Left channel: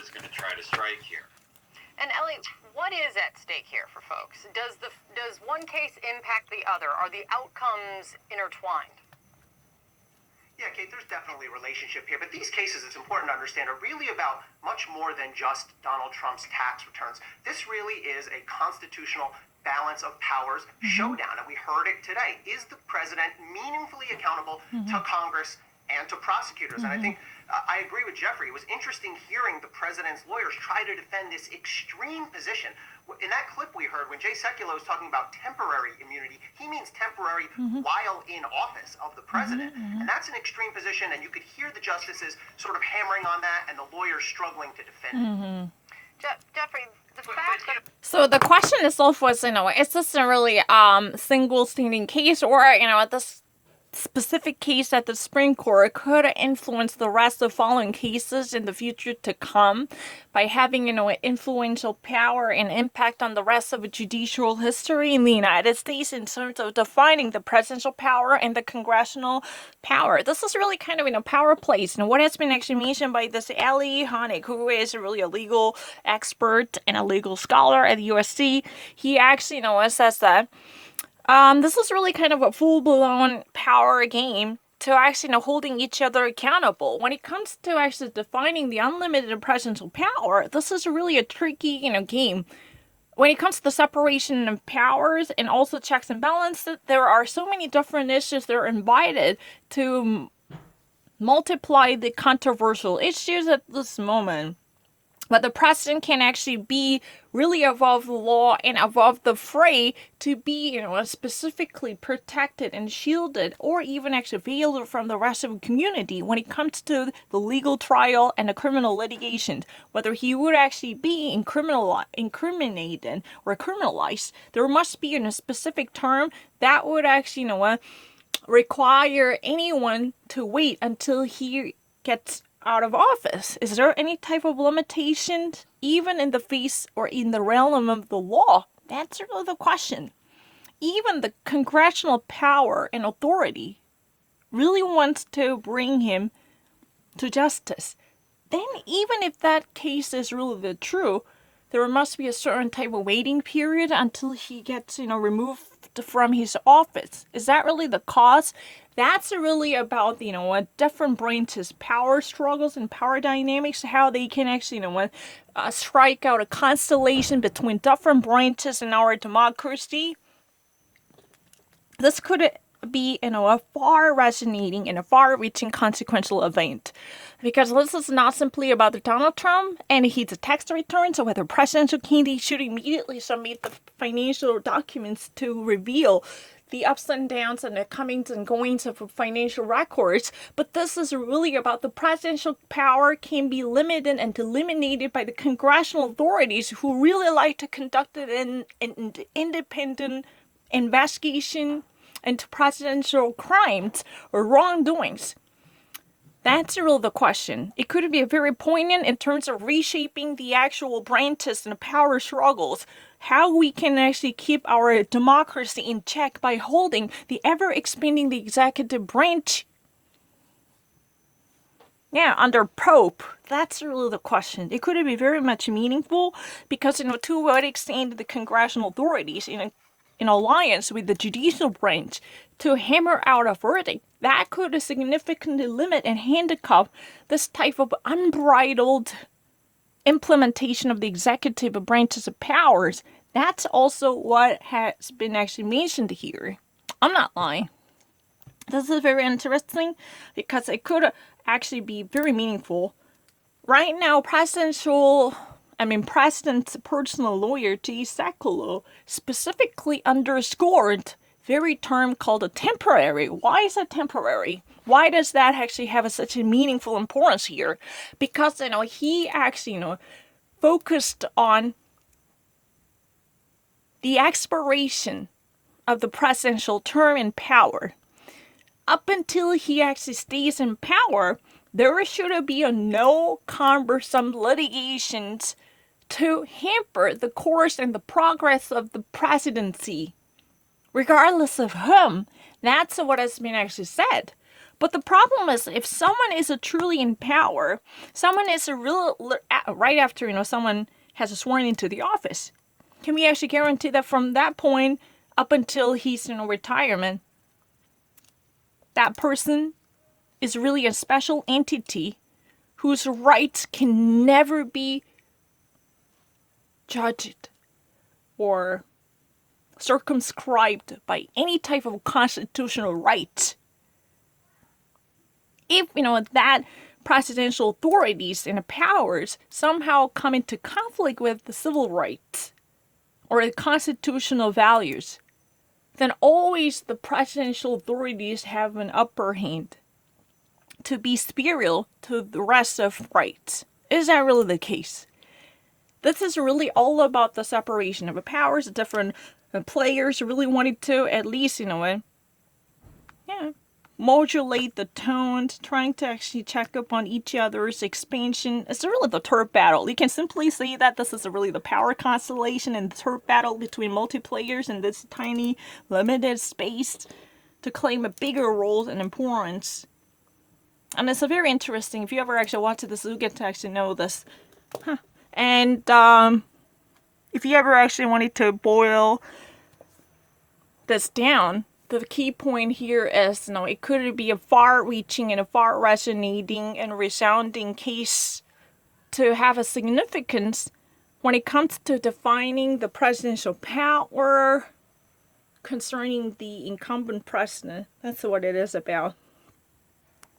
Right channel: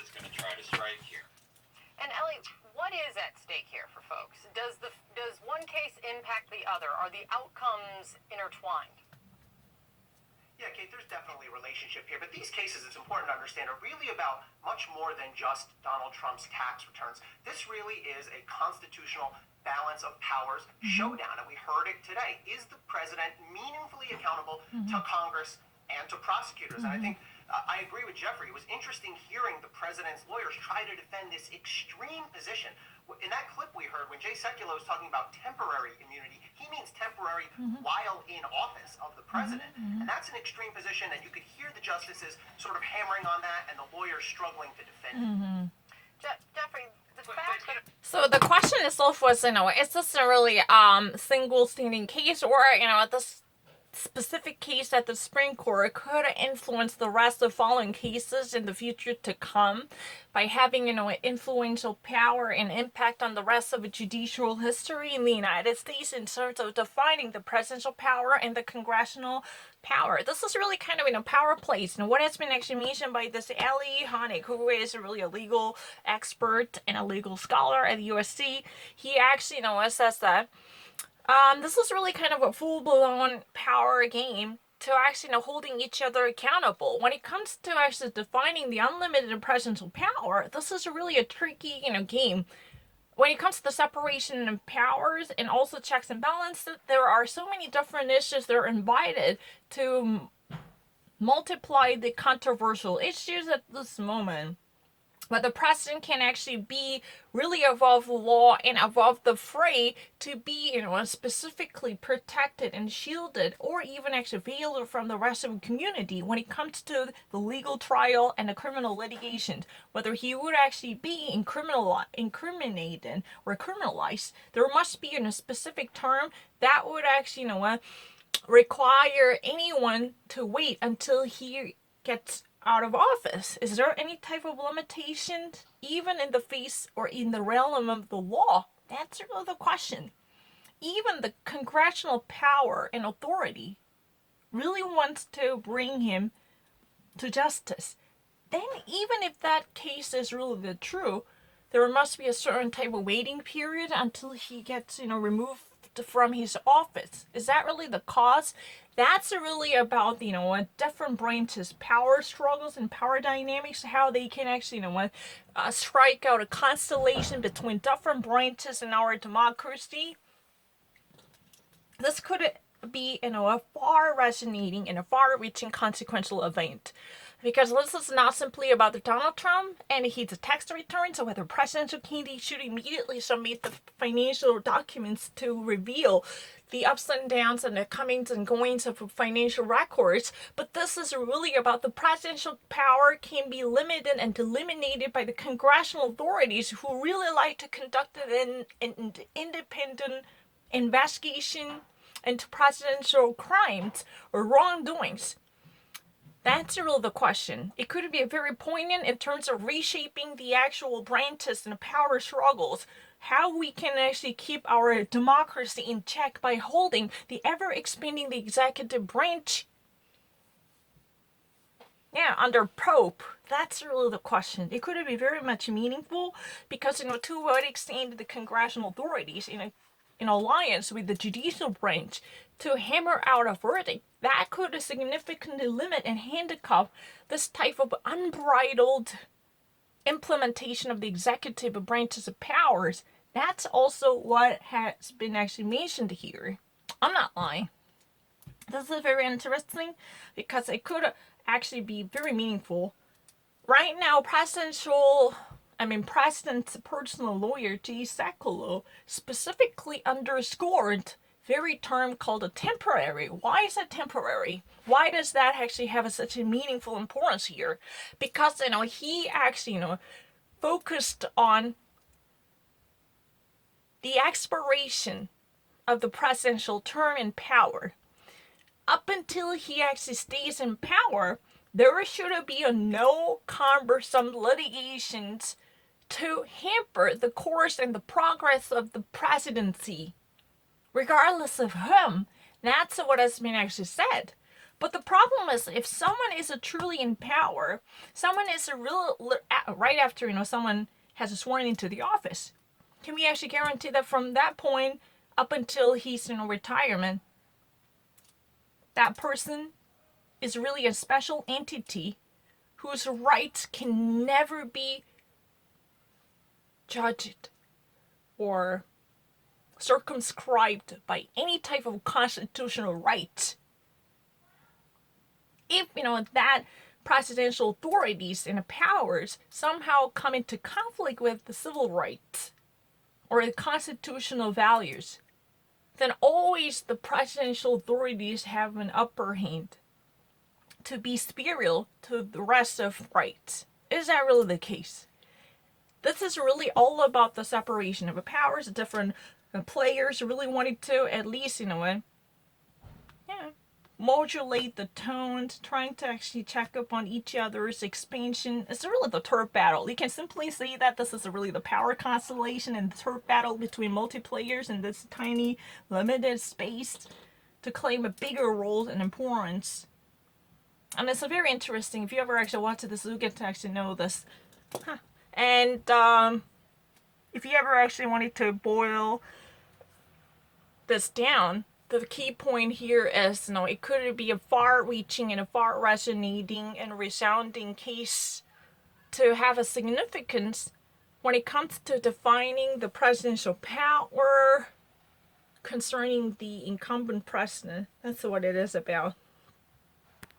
is going to try to strike here. And Ellie, what is at stake here for folks? Does one case impact the other? Are the outcomes intertwined? Yeah, Kate, there's definitely a relationship here, but these cases, it's important to understand, are really about much more than just Donald Trump's tax returns. This really is a constitutional balance of powers showdown, and we heard it today. Is the president meaningfully accountable to Congress and to prosecutors? And I think I agree with Jeffrey. It was interesting hearing the president's lawyers try to defend this extreme position. In that clip we heard, when Jay Sekulow was talking about temporary immunity, he means temporary while in office of the president. And that's an extreme position, and you could hear the justices sort of hammering on that and the lawyers struggling to defend it. Jeffrey, the fact that... So the question itself was, is this a really single standing case, or, this specific case at the Supreme Court could influence the rest of following cases in the future to come by having, influential power and impact on the rest of the judicial history in the United States in terms of defining the presidential power and the congressional power. This is really kind of power plays. What has been actually mentioned by this Ali Honig, who is really a legal expert and a legal scholar at USC, he actually, says that this is really kind of a full-blown power game to actually, holding each other accountable. When it comes to actually defining the unlimited presidential power, this is really a tricky, game. When it comes to the separation of powers and also checks and balances, there are so many different issues that are invited to multiply the controversial issues at this moment. But the president can actually be really above the law and above the fray to be, specifically protected and shielded, or even actually veiled from the rest of the community when it comes to the legal trial and the criminal litigation. Whether he would actually be incriminated or criminalized, there must be a specific term that would actually, require anyone to wait until he gets out of office. Is there any type of limitation, even in the face or in the realm of the law? That's really the question. Even the congressional power and authority really wants to bring him to justice. Then even if that case is really true, there must be a certain type of waiting period until he gets, removed from his office. Is that really the cause? That's really about, different branches, power struggles and power dynamics, how they can actually, strike out a constellation between different branches in our democracy. This could be, a far resonating and a far-reaching consequential event. Because this is not simply about Donald Trump and his tax returns, or whether presidential candidates should immediately submit the financial documents to reveal the ups and downs and the comings and goings of financial records. But this is really about the presidential power can be limited and eliminated by the congressional authorities who really like to conduct an independent investigation into presidential crimes or wrongdoings. That's really the question. It could be very poignant in terms of reshaping the actual branches and power struggles. How we can actually keep our democracy in check by holding the ever-expanding the executive branch. Yeah, under Pope. That's really the question. It could be very much meaningful because, to what extent the congressional authorities, in alliance with the judicial branch, to hammer out a verdict that could significantly limit and handcuff this type of unbridled implementation of the executive branches of powers. That's also what has been actually mentioned here. I'm not lying. This is very interesting because it could actually be very meaningful. Right now, President's personal lawyer, Jay Sekulow, specifically underscored very term called a temporary. Why is it temporary? Why does that actually have such a meaningful importance here? Because, he actually, focused on the expiration of the presidential term in power. Up until he actually stays in power, there should be no cumbersome litigations to hamper the course and the progress of the presidency, regardless of whom. That's what has been actually said. But the problem is, if someone is a truly in power, someone is a real right after someone has sworn into the office, can we actually guarantee that from that point up until he's in retirement, that person is really a special entity whose rights can never be judged or circumscribed by any type of constitutional right? If that presidential authorities and powers somehow come into conflict with the civil rights or the constitutional values, then always the presidential authorities have an upper hand to be superior to the rest of rights. Is that really the case? This is really all about the separation of the powers. The different players really wanted to at least, modulate the tones, trying to actually check up on each other's expansion. It's really the turf battle. You can simply say that this is really the power constellation and the turf battle between multiplayers in this tiny, limited space to claim a bigger role and importance. And it's a very interesting. If you ever actually watch this, you get to actually know this. And if you ever actually wanted to boil this down, the key point here is, it could be a far-reaching and a far-resonating and resounding case to have a significance when it comes to defining the presidential power concerning the incumbent president. That's what it is about.